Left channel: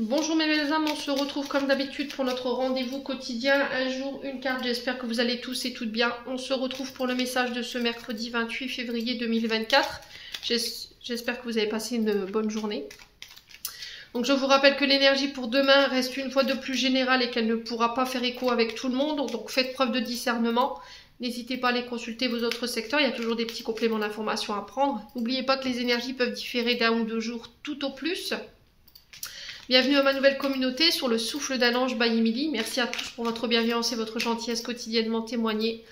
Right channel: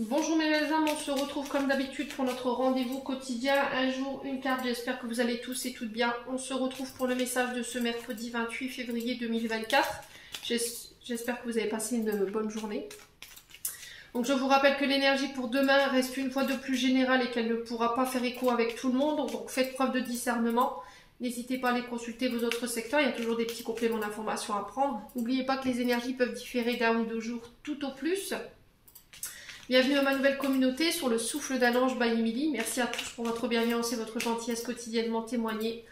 Bonjour mes belles âmes, on se retrouve comme d'habitude pour notre rendez-vous quotidien, un jour, une carte. J'espère que vous allez tous et toutes bien. On se retrouve pour le message de ce mercredi 28 février 2024. J'espère que vous avez passé une bonne journée. Donc je vous rappelle que l'énergie pour demain reste une fois de plus générale et qu'elle ne pourra pas faire écho avec tout le monde. Donc faites preuve de discernement. N'hésitez pas à aller consulter vos autres secteurs, il y a toujours des petits compléments d'information à prendre. N'oubliez pas que les énergies peuvent différer d'un ou deux jours tout au plus. Bienvenue à ma nouvelle communauté sur le souffle d'un ange by Emily. Merci à tous pour votre bienveillance et votre gentillesse quotidiennement témoignée.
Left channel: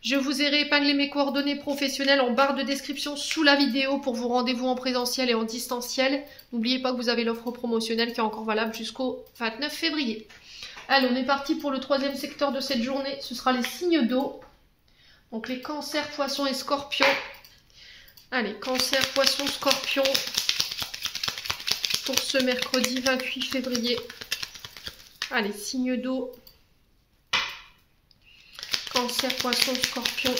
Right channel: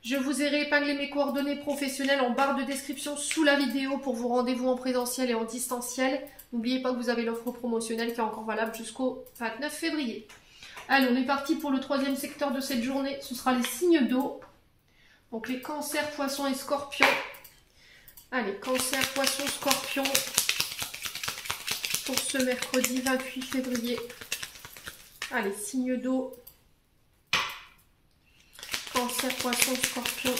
Je vous ai réépinglé mes coordonnées professionnelles en barre de description sous la vidéo pour vos rendez-vous en présentiel et en distanciel. N'oubliez pas que vous avez l'offre promotionnelle qui est encore valable jusqu'au 29 février. Allez, on est parti pour le troisième secteur de cette journée. Ce sera les signes d'eau. Donc les cancers, poissons et scorpions. Allez, cancer, poissons, scorpions. Pour ce mercredi 28 février. Allez, signe d'eau. Cancer, poisson, scorpion.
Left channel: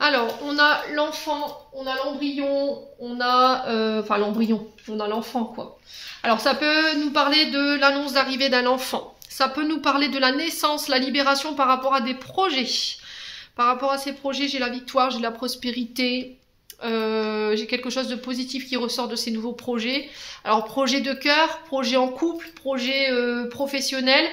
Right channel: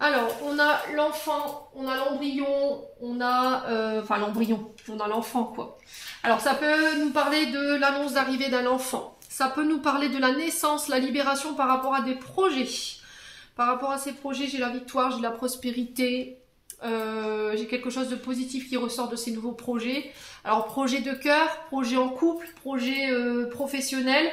Alors, on a l'enfant, on a l'embryon, on a... enfin, l'embryon, on a l'enfant, quoi. Alors, ça peut nous parler de l'annonce d'arrivée d'un enfant. Ça peut nous parler de la naissance, la libération par rapport à des projets. Par rapport à ces projets, j'ai la victoire, j'ai la prospérité... j'ai quelque chose de positif qui ressort de ces nouveaux projets. Alors projet de cœur, projet en couple, projet professionnel,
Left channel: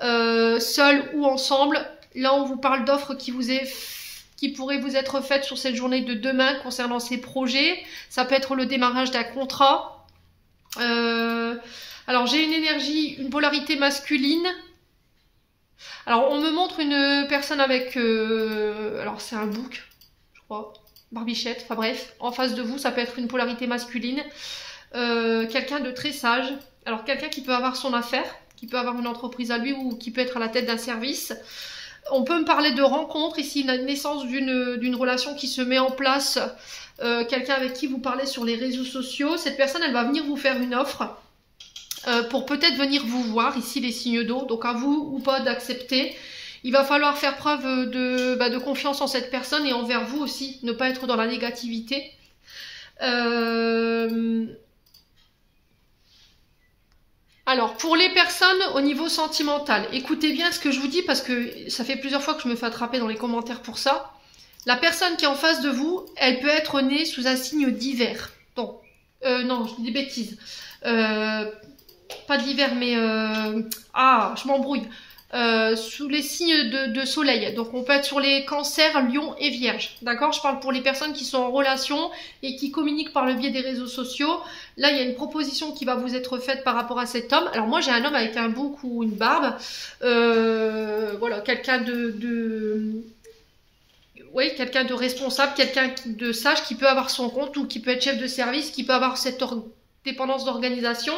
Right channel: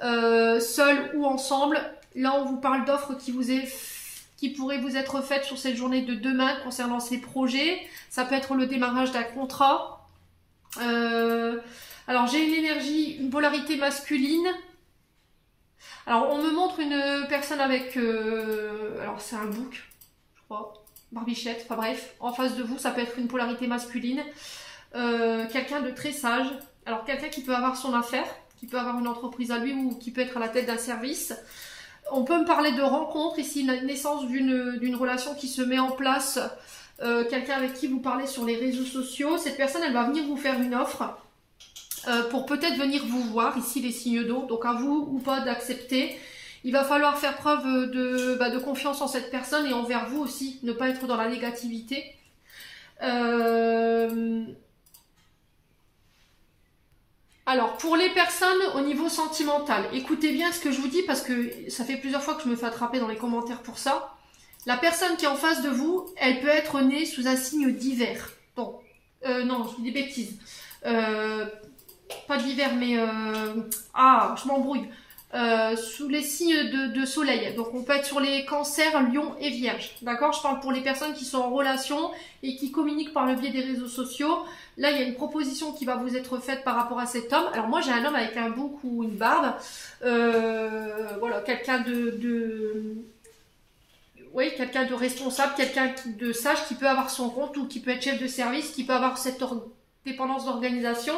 seul ou ensemble. Là on vous parle d'offres qui pourraient vous être faites sur cette journée de demain concernant ces projets. Ça peut être le démarrage d'un contrat. Alors j'ai une énergie, une polarité masculine. Alors on me montre une personne avec... alors c'est un bouc, je crois. Barbichette, enfin bref, en face de vous, ça peut être une polarité masculine, quelqu'un de très sage, alors quelqu'un qui peut avoir son affaire, qui peut avoir une entreprise à lui ou qui peut être à la tête d'un service. On peut me parler de rencontre, ici la naissance d'une relation qui se met en place, quelqu'un avec qui vous parlez sur les réseaux sociaux. Cette personne, elle va venir vous faire une offre pour peut-être venir vous voir, ici les signes d'eau, donc à vous ou pas d'accepter. Il va falloir faire preuve de confiance en cette personne et envers vous aussi, ne pas être dans la négativité. Alors, pour les personnes au niveau sentimental, écoutez bien ce que je vous dis parce que ça fait plusieurs fois que je me fais attraper dans les commentaires pour ça. La personne qui est en face de vous, elle peut être née sous un signe d'hiver. Donc, non, je dis des bêtises. Pas d'hiver, mais... je m'embrouille. Sous les signes de soleil, donc on peut être sur les cancers, lion et vierge, d'accord? Je parle pour les personnes qui sont en relation et qui communiquent par le biais des réseaux sociaux. Là il y a une proposition qui va vous être faite par rapport à cet homme. Alors moi j'ai un homme avec un bouc ou une barbe, voilà, quelqu'un oui, quelqu'un de responsable, quelqu'un de sage qui peut avoir son compte ou qui peut être chef de service, qui peut avoir cette dépendance d'organisation.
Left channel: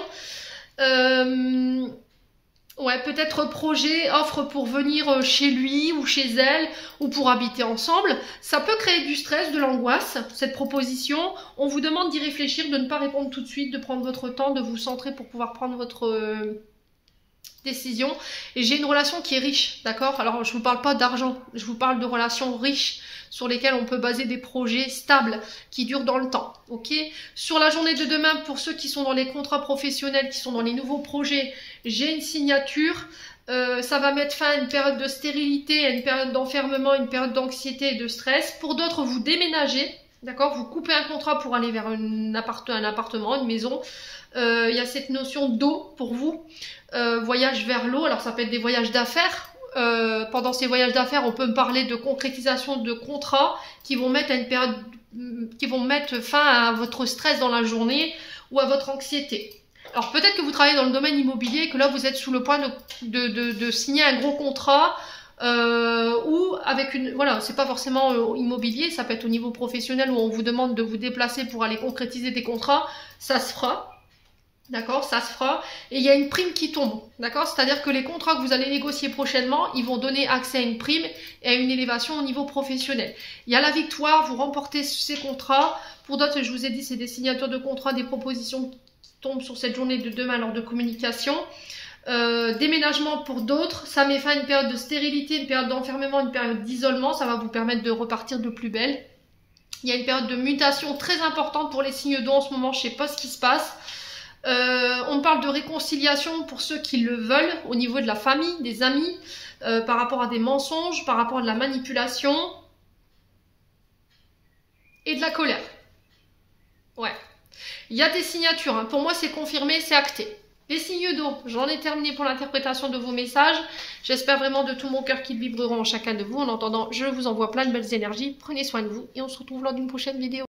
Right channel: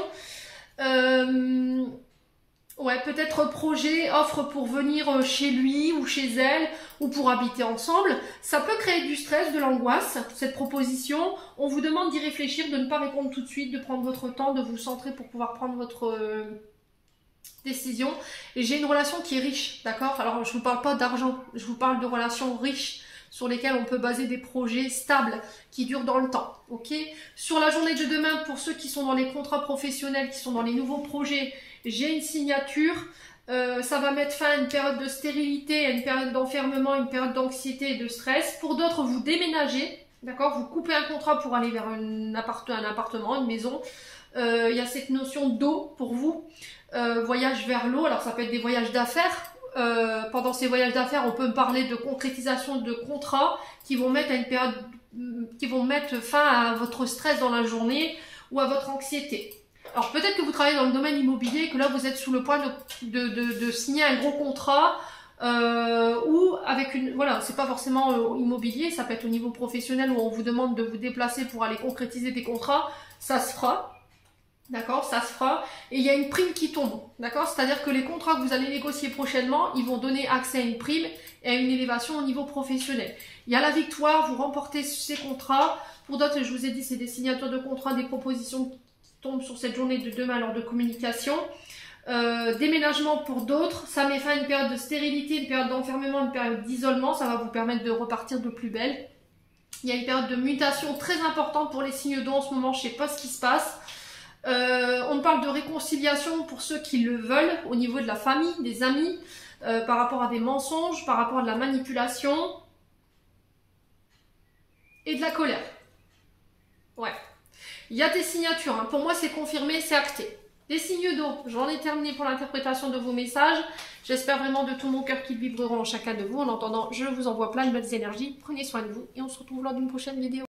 Ouais, peut-être projet, offre pour venir chez lui ou chez elle ou pour habiter ensemble. Ça peut créer du stress, de l'angoisse, cette proposition. On vous demande d'y réfléchir, de ne pas répondre tout de suite, de prendre votre temps, de vous centrer pour pouvoir prendre votre décision. Et j'ai une relation qui est riche, d'accord? Alors, je ne vous parle pas d'argent, je vous parle de relations riches sur lesquelles on peut baser des projets stables qui durent dans le temps, ok? Sur la journée de demain, pour ceux qui sont dans les contrats professionnels, qui sont dans les nouveaux projets, j'ai une signature, ça va mettre fin à une période de stérilité, à une période d'enfermement, une période d'anxiété et de stress. Pour d'autres, vous déménagez, d'accord? Vous coupez un contrat pour aller vers un appartement, une maison. Il y a cette notion d'eau pour vous, voyage vers l'eau, alors ça peut être des voyages d'affaires. Pendant ces voyages d'affaires, on peut me parler de concrétisation de contrats qui vont mettre à une période, qui vont mettre fin à votre stress dans la journée ou à votre anxiété. Alors peut-être que vous travaillez dans le domaine immobilier et que là vous êtes sous le point de signer un gros contrat ou avec une... Voilà, c'est pas forcément immobilier, ça peut être au niveau professionnel où on vous demande de vous déplacer pour aller concrétiser des contrats, ça se fera. D'accord, ça se fera. Et il y a une prime qui tombe. D'accord, c'est-à-dire que les contrats que vous allez négocier prochainement, ils vont donner accès à une prime et à une élévation au niveau professionnel. Il y a la victoire, vous remportez ces contrats. Pour d'autres, je vous ai dit, c'est des signatures de contrats, des propositions qui tombent sur cette journée de demain lors de communication. Déménagement pour d'autres, ça met fin à une période de stérilité, une période d'enfermement, une période d'isolement. Ça va vous permettre de repartir de plus belle. Il y a une période de mutation très importante pour les signes d'eau en ce moment, je ne sais pas ce qui se passe. On parle de réconciliation pour ceux qui le veulent, au niveau de la famille, des amis, par rapport à des mensonges, par rapport à de la manipulation et de la colère. Ouais. Il y a des signatures, hein. Pour moi c'est confirmé, c'est acté. Les signes d'eau, j'en ai terminé pour l'interprétation de vos messages. J'espère vraiment de tout mon cœur qu'ils vibreront en chacun de vous. En attendant, je vous envoie plein de belles énergies. Prenez soin de vous et on se retrouve lors d'une prochaine vidéo.